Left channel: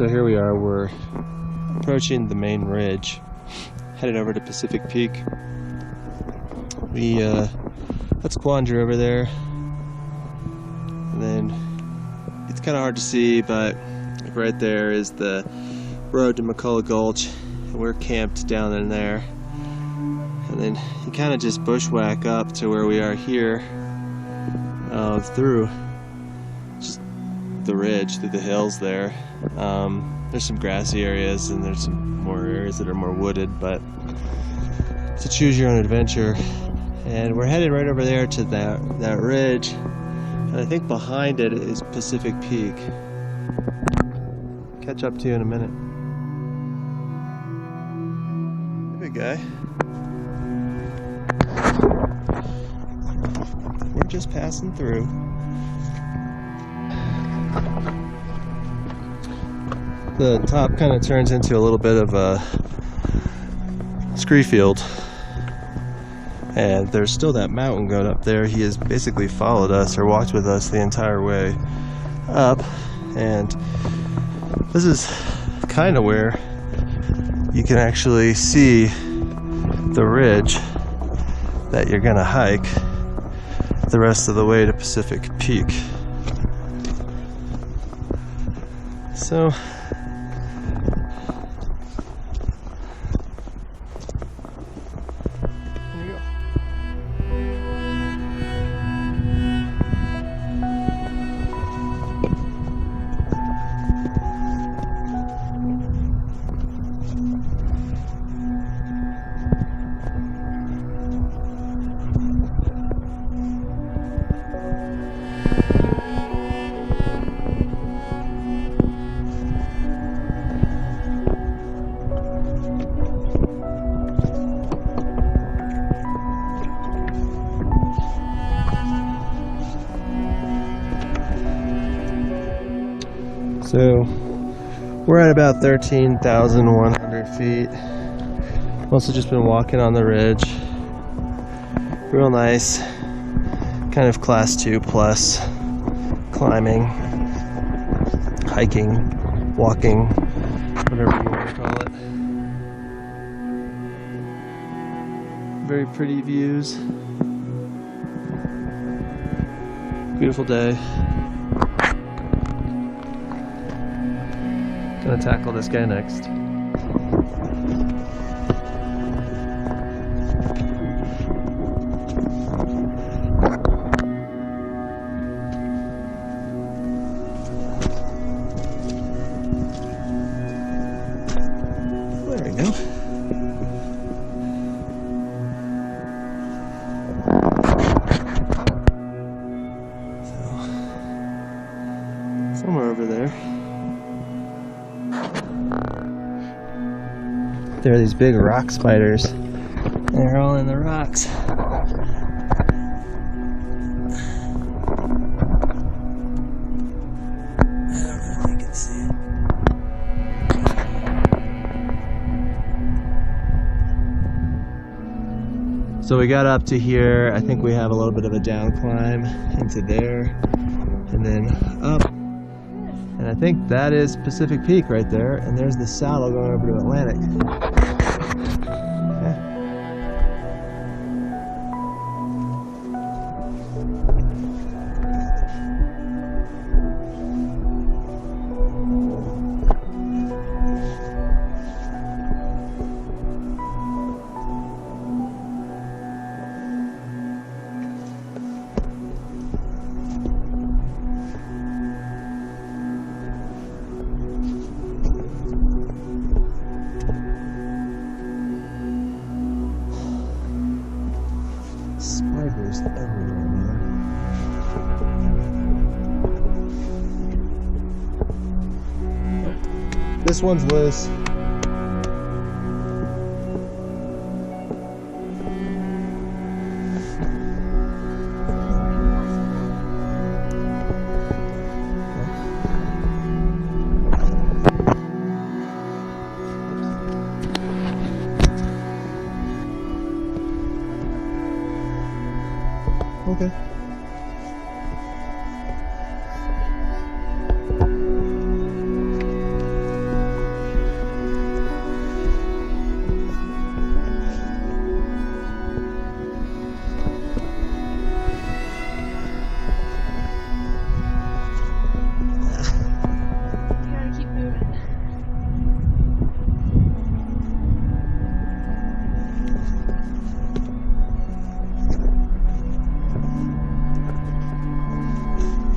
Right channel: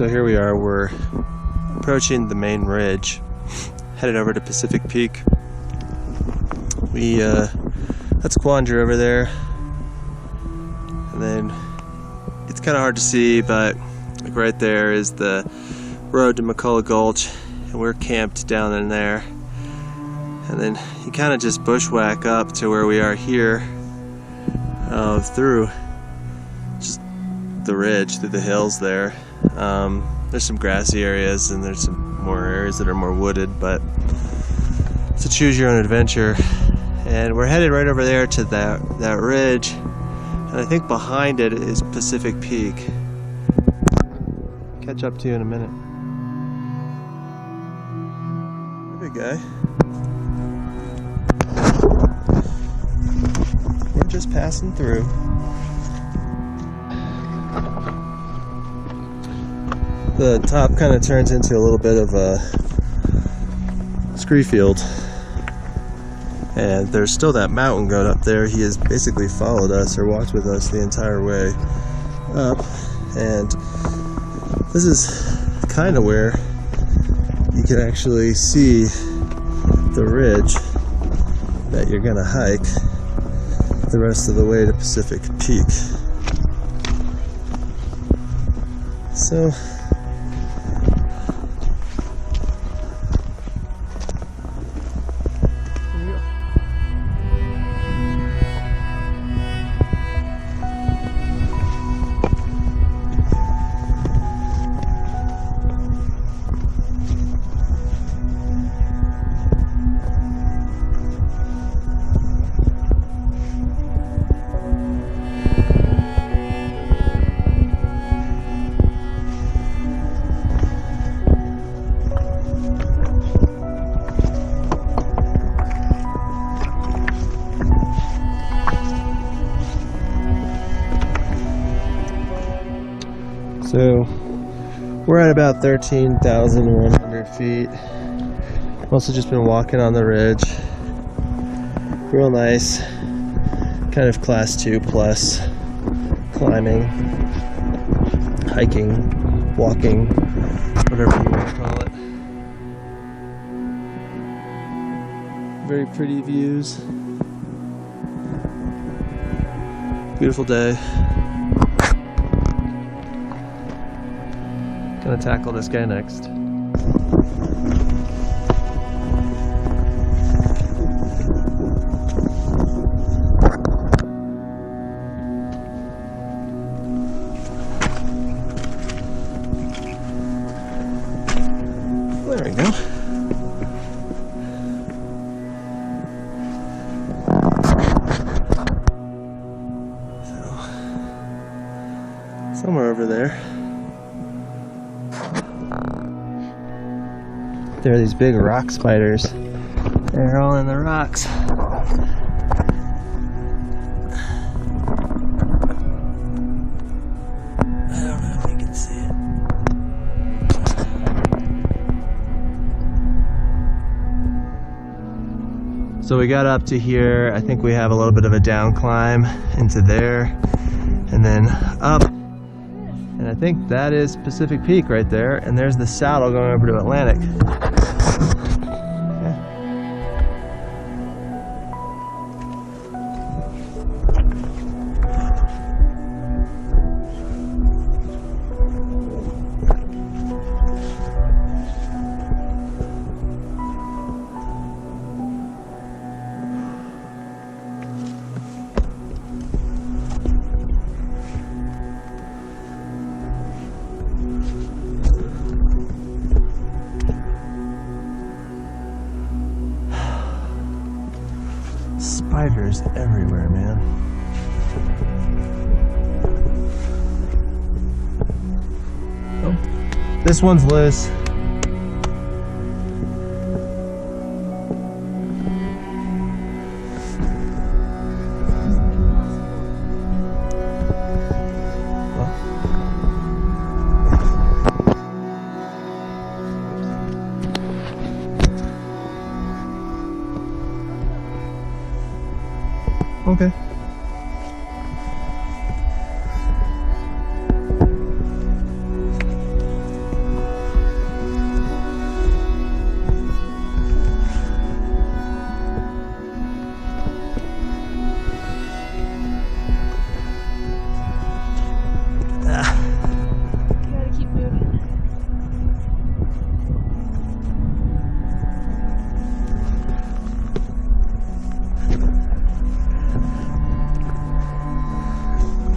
So here we are, we're approaching the main ridge, headed over to Pacific Peak. That's Quandra over there, and then it's kind of hard to see, but like right there is the road to McCullough Gulch, and we're camped down in there. And then you kind of just bushwhack up to where we are here, through just the ridge, through the hills there. There's some grassy areas and there's some more areas that are more wooded, but it's a choose your own adventure. And we're headed right over there to that ridge, and I think behind it is Pacific Peak. Catch up to you in a minute. Big guy. We're just passing through. The top kind of turns into a little bit of a scree field, and there's still that mountain goat up there. He has basically followed us or walked with us the entire way up, and this is kind of where you can actually see the ridge that you're gonna hike the rest of the way to Pacific Peak. So there you go. So we're at about 13,100 feet. Also just been walking on the ridge. Real nice, kind of class 2 plus climbing, hiking, walking, whatever you want to call it. Very pretty views. Beautiful day. Gonna tackle this guy next. There we go. So, somewhere over there. There are these big rock spiders. They're all in the rocks. I don't know if you can see it. So we got up to here. I think we have a little bit of a down climb into there, and then up. And I think that is Pacific Peak right there, and there's the saddle going over to Atlantic. Spiders everywhere, man. Oh, this one's loose. Okay.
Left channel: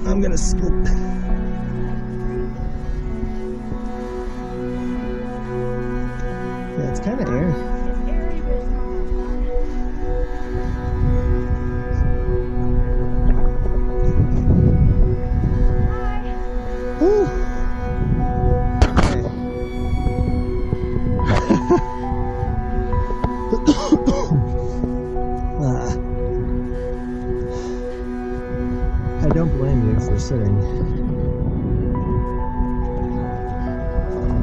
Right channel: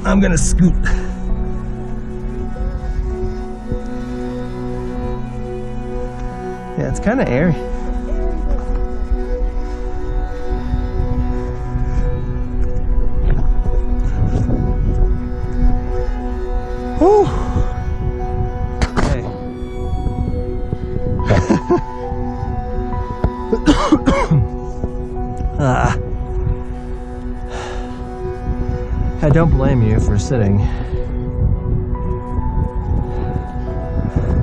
I'm gonna scoot. Yeah, it's kind of airy. Woo! Hey. I don't blame you for sitting.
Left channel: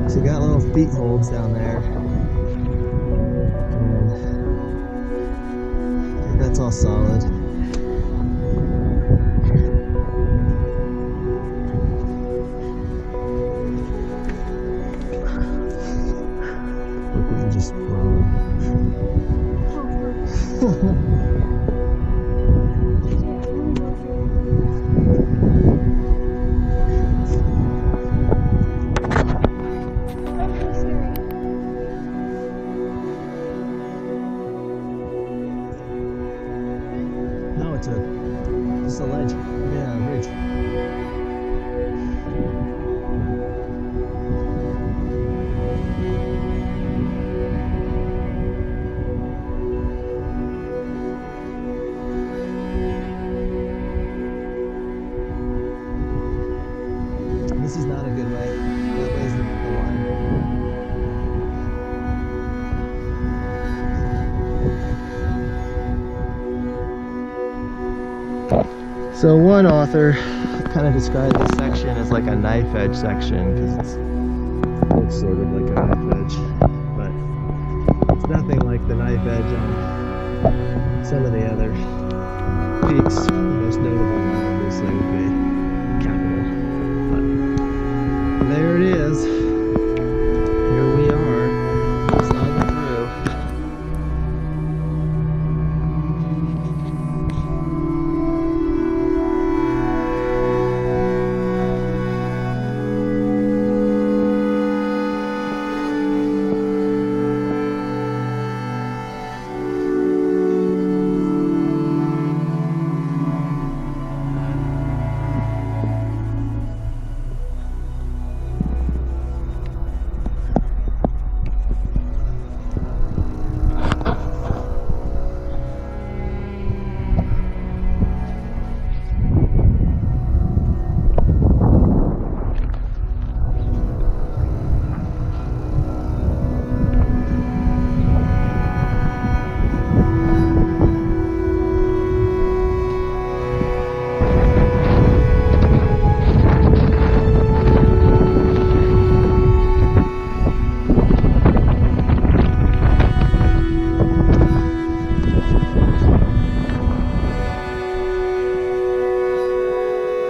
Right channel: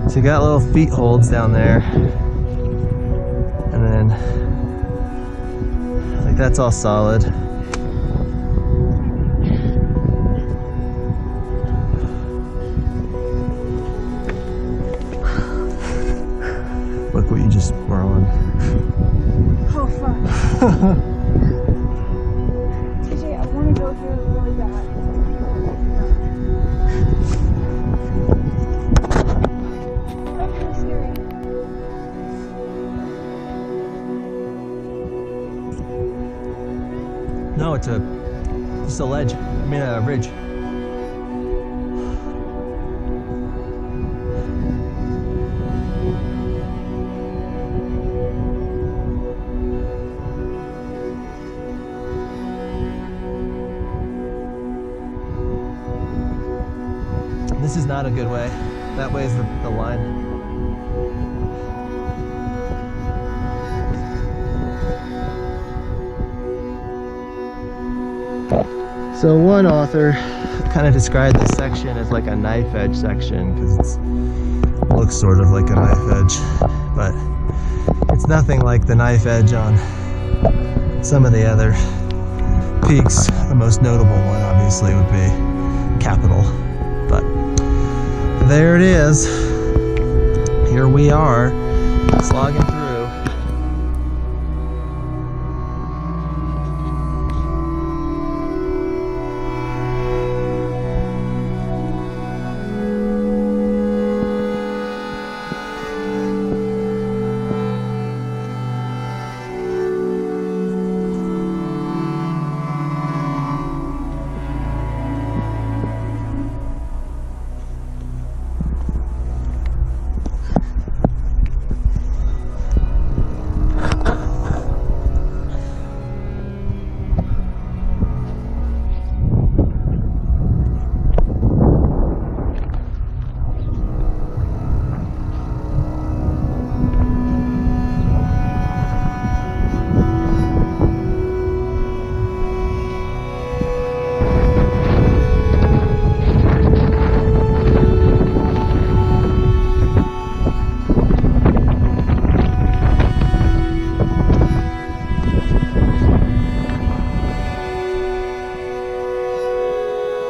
So you got little feet holds down there, and then like that's all solid. Look what you just were on. Oh fuck. TJ, I want to go through it really bad. That's really scary. No, it's just a ledge. I mean a ridge. This is not a good way. That way is the line. So one author kind of described this section as like a knife edge section because it looks sort of like a knife edge, but it's nothing like the knife edge on some of the other peaks. The most notable one obviously would be Capitol, but there it is. Here we are, slogging through.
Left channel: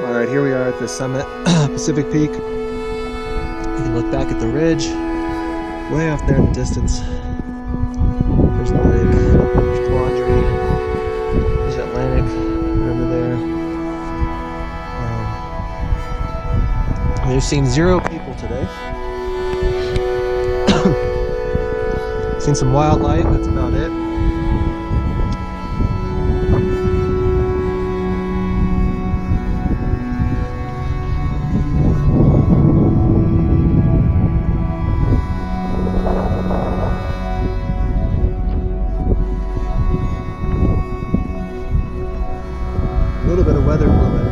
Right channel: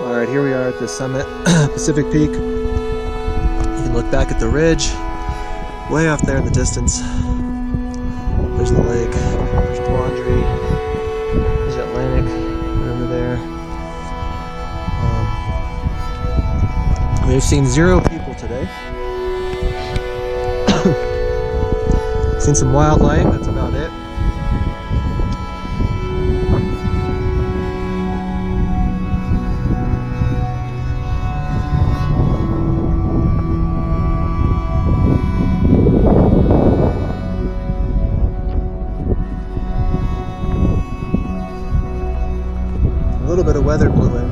Alright, here we are at the summit, Pacific Peak. You can look back at the ridge, way off there in the distance. There's the lake, there's Quandary, there's Atlantic, right over there. We've seen 0 people today. Seen some wildlife, that's about it. A little bit of weather blew in.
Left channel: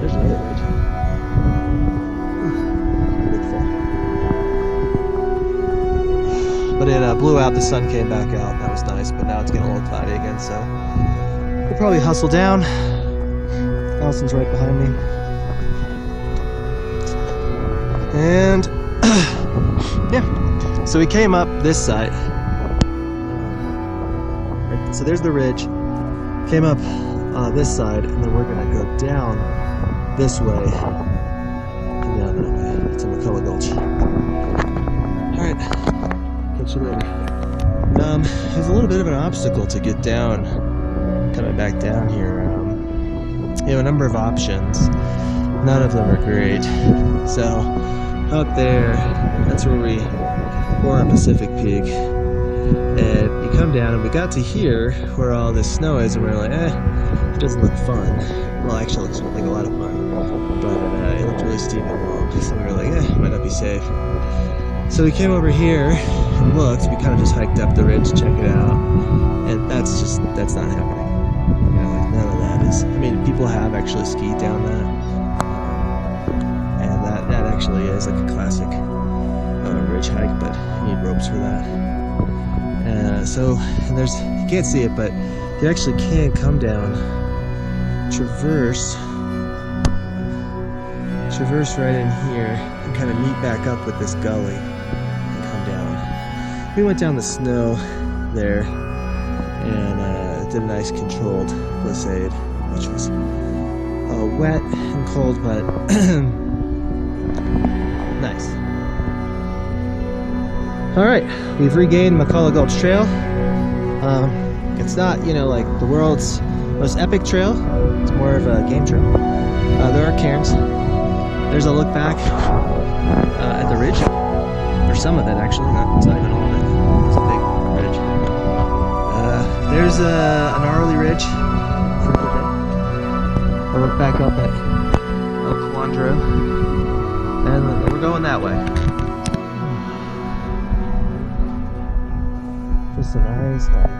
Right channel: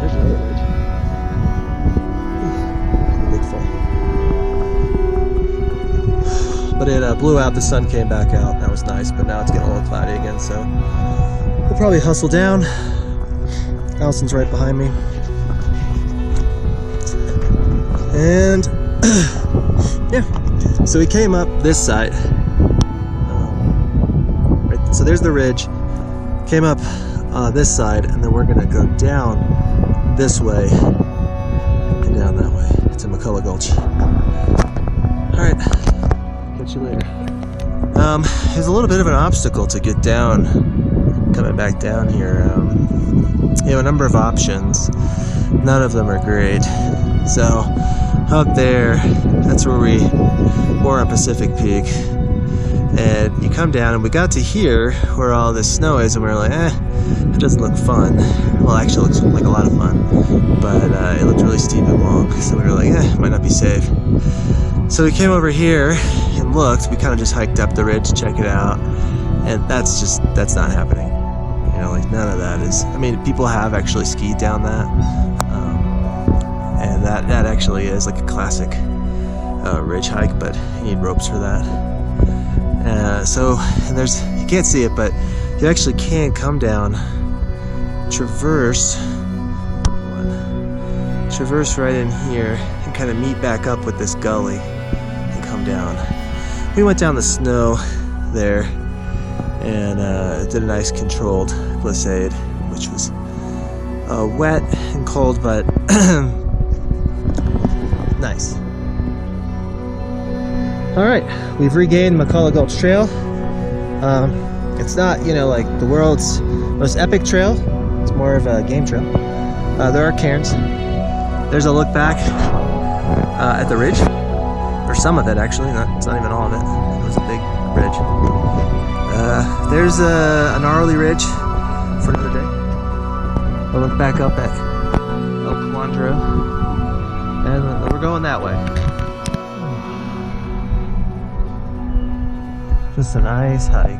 There's another ridge. Kind of big fall. But it blew out, the sun came back out. That was nice, but now it's getting a little cloudy again, so we'll probably hustle down. Allison's right behind me. And yeah, so we came up this side. Right, so there's the ridge. Came up this side, and then we're gonna go down this way and down that way to McCullough Gulch. All right, catch you later. There's a little bit of an obstacle to get down, coming back down here. You have a number of options. None of them are great. So up there, that's where we're on Pacific Peak. And you come down, and we got to here where all this snow is, and we were like, it doesn't look fun. Well, actually it looks like a lot of fun, but it looked really steep and long, so we were like, it might not be safe. So we came over here and looked. We kind of just hiked up the ridge to check it out, and that's not happening. You know, like none of that is. I mean, people have actually skied down that, and that actually is like a classic ridge hike, but you need ropes for that. And there's, you can't see it, but you actually can come down, traverse right in here, and kind of meet back up with this gully and come down. We went down the snow there and did a nice controlled glissade, which was wet and cold, but nice. All right, we've regained McCullough Gulch Trail. It's not, you know, like the world's most epic trail. It's more of a game trail. There are cairns. There's a look back at the ridge, or some of it actually. It's not even all of it. It was a big ridge. There's a gnarly ridge for another day. I look back up at El Cuandro, and we're going that way. Just a nice hike.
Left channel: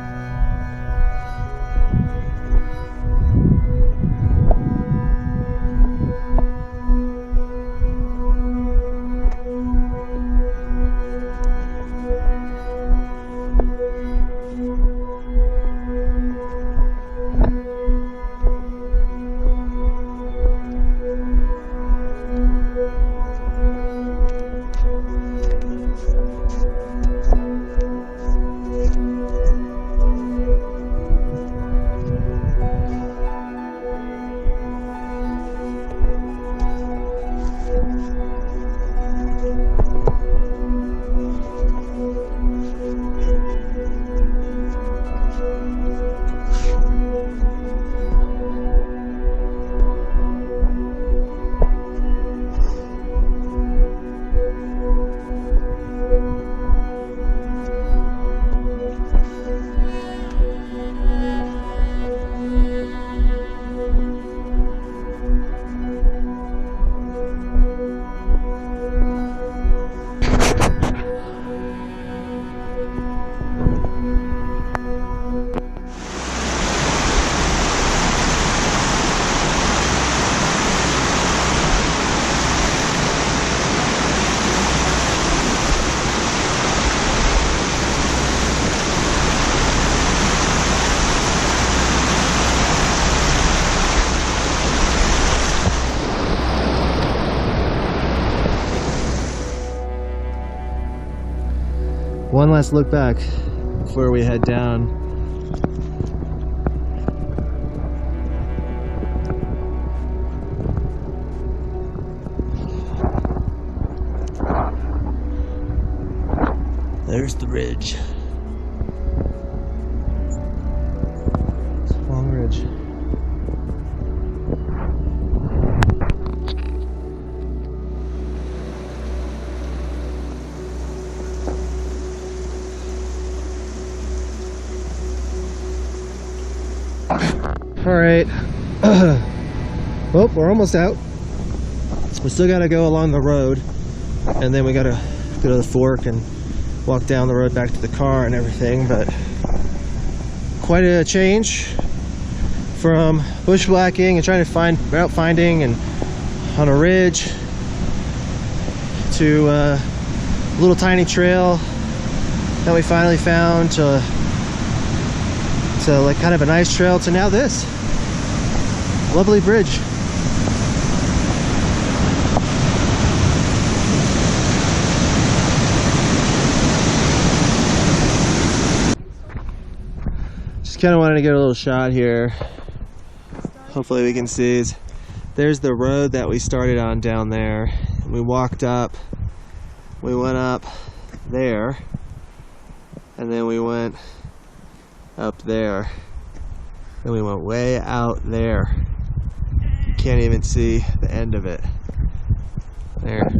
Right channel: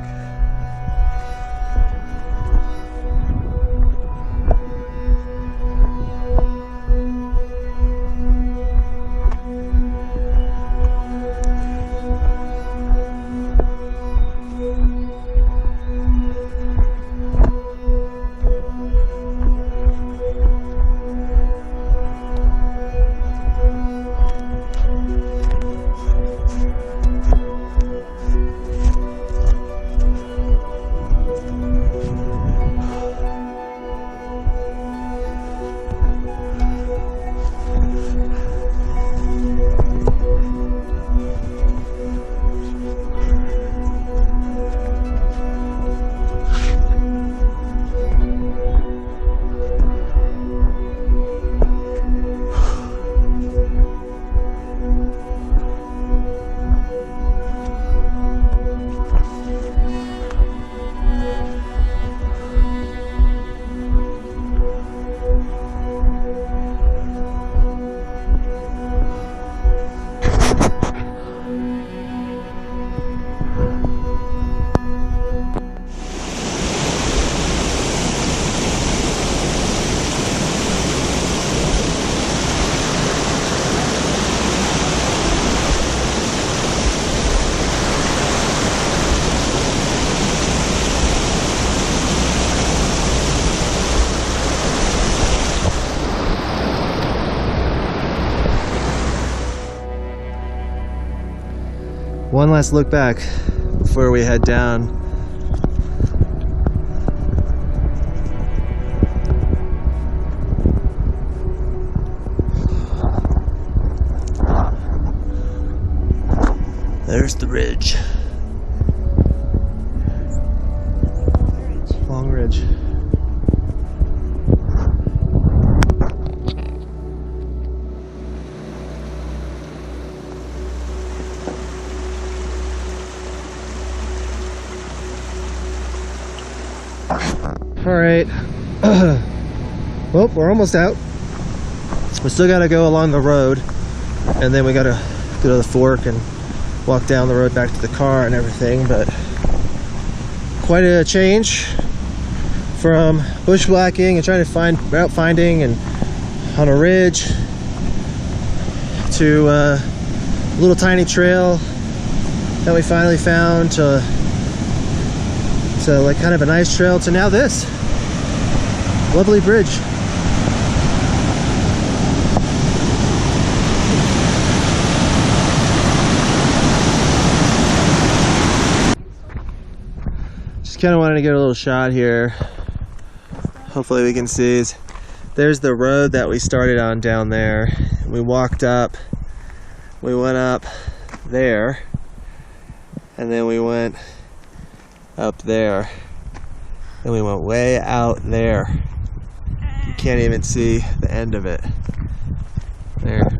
One last look back before we head down. There's the ridge. Long ridge. All right. Well, we're almost out. We still got to go along the road, and then we got to go to the fork and walk down the road back to the car and everything. But quite a change from bushwhacking and trying to find route finding and on a ridge to a little tiny trail that we finally found to like kind of a nice trail to now this lovely bridge. Just kind of wanted to get a little shot here. Hopefully we can see. There's the road that we started on down there. We walked up, we went up there, and then we went up there, and we went way out there. You can't even see the end of it. There.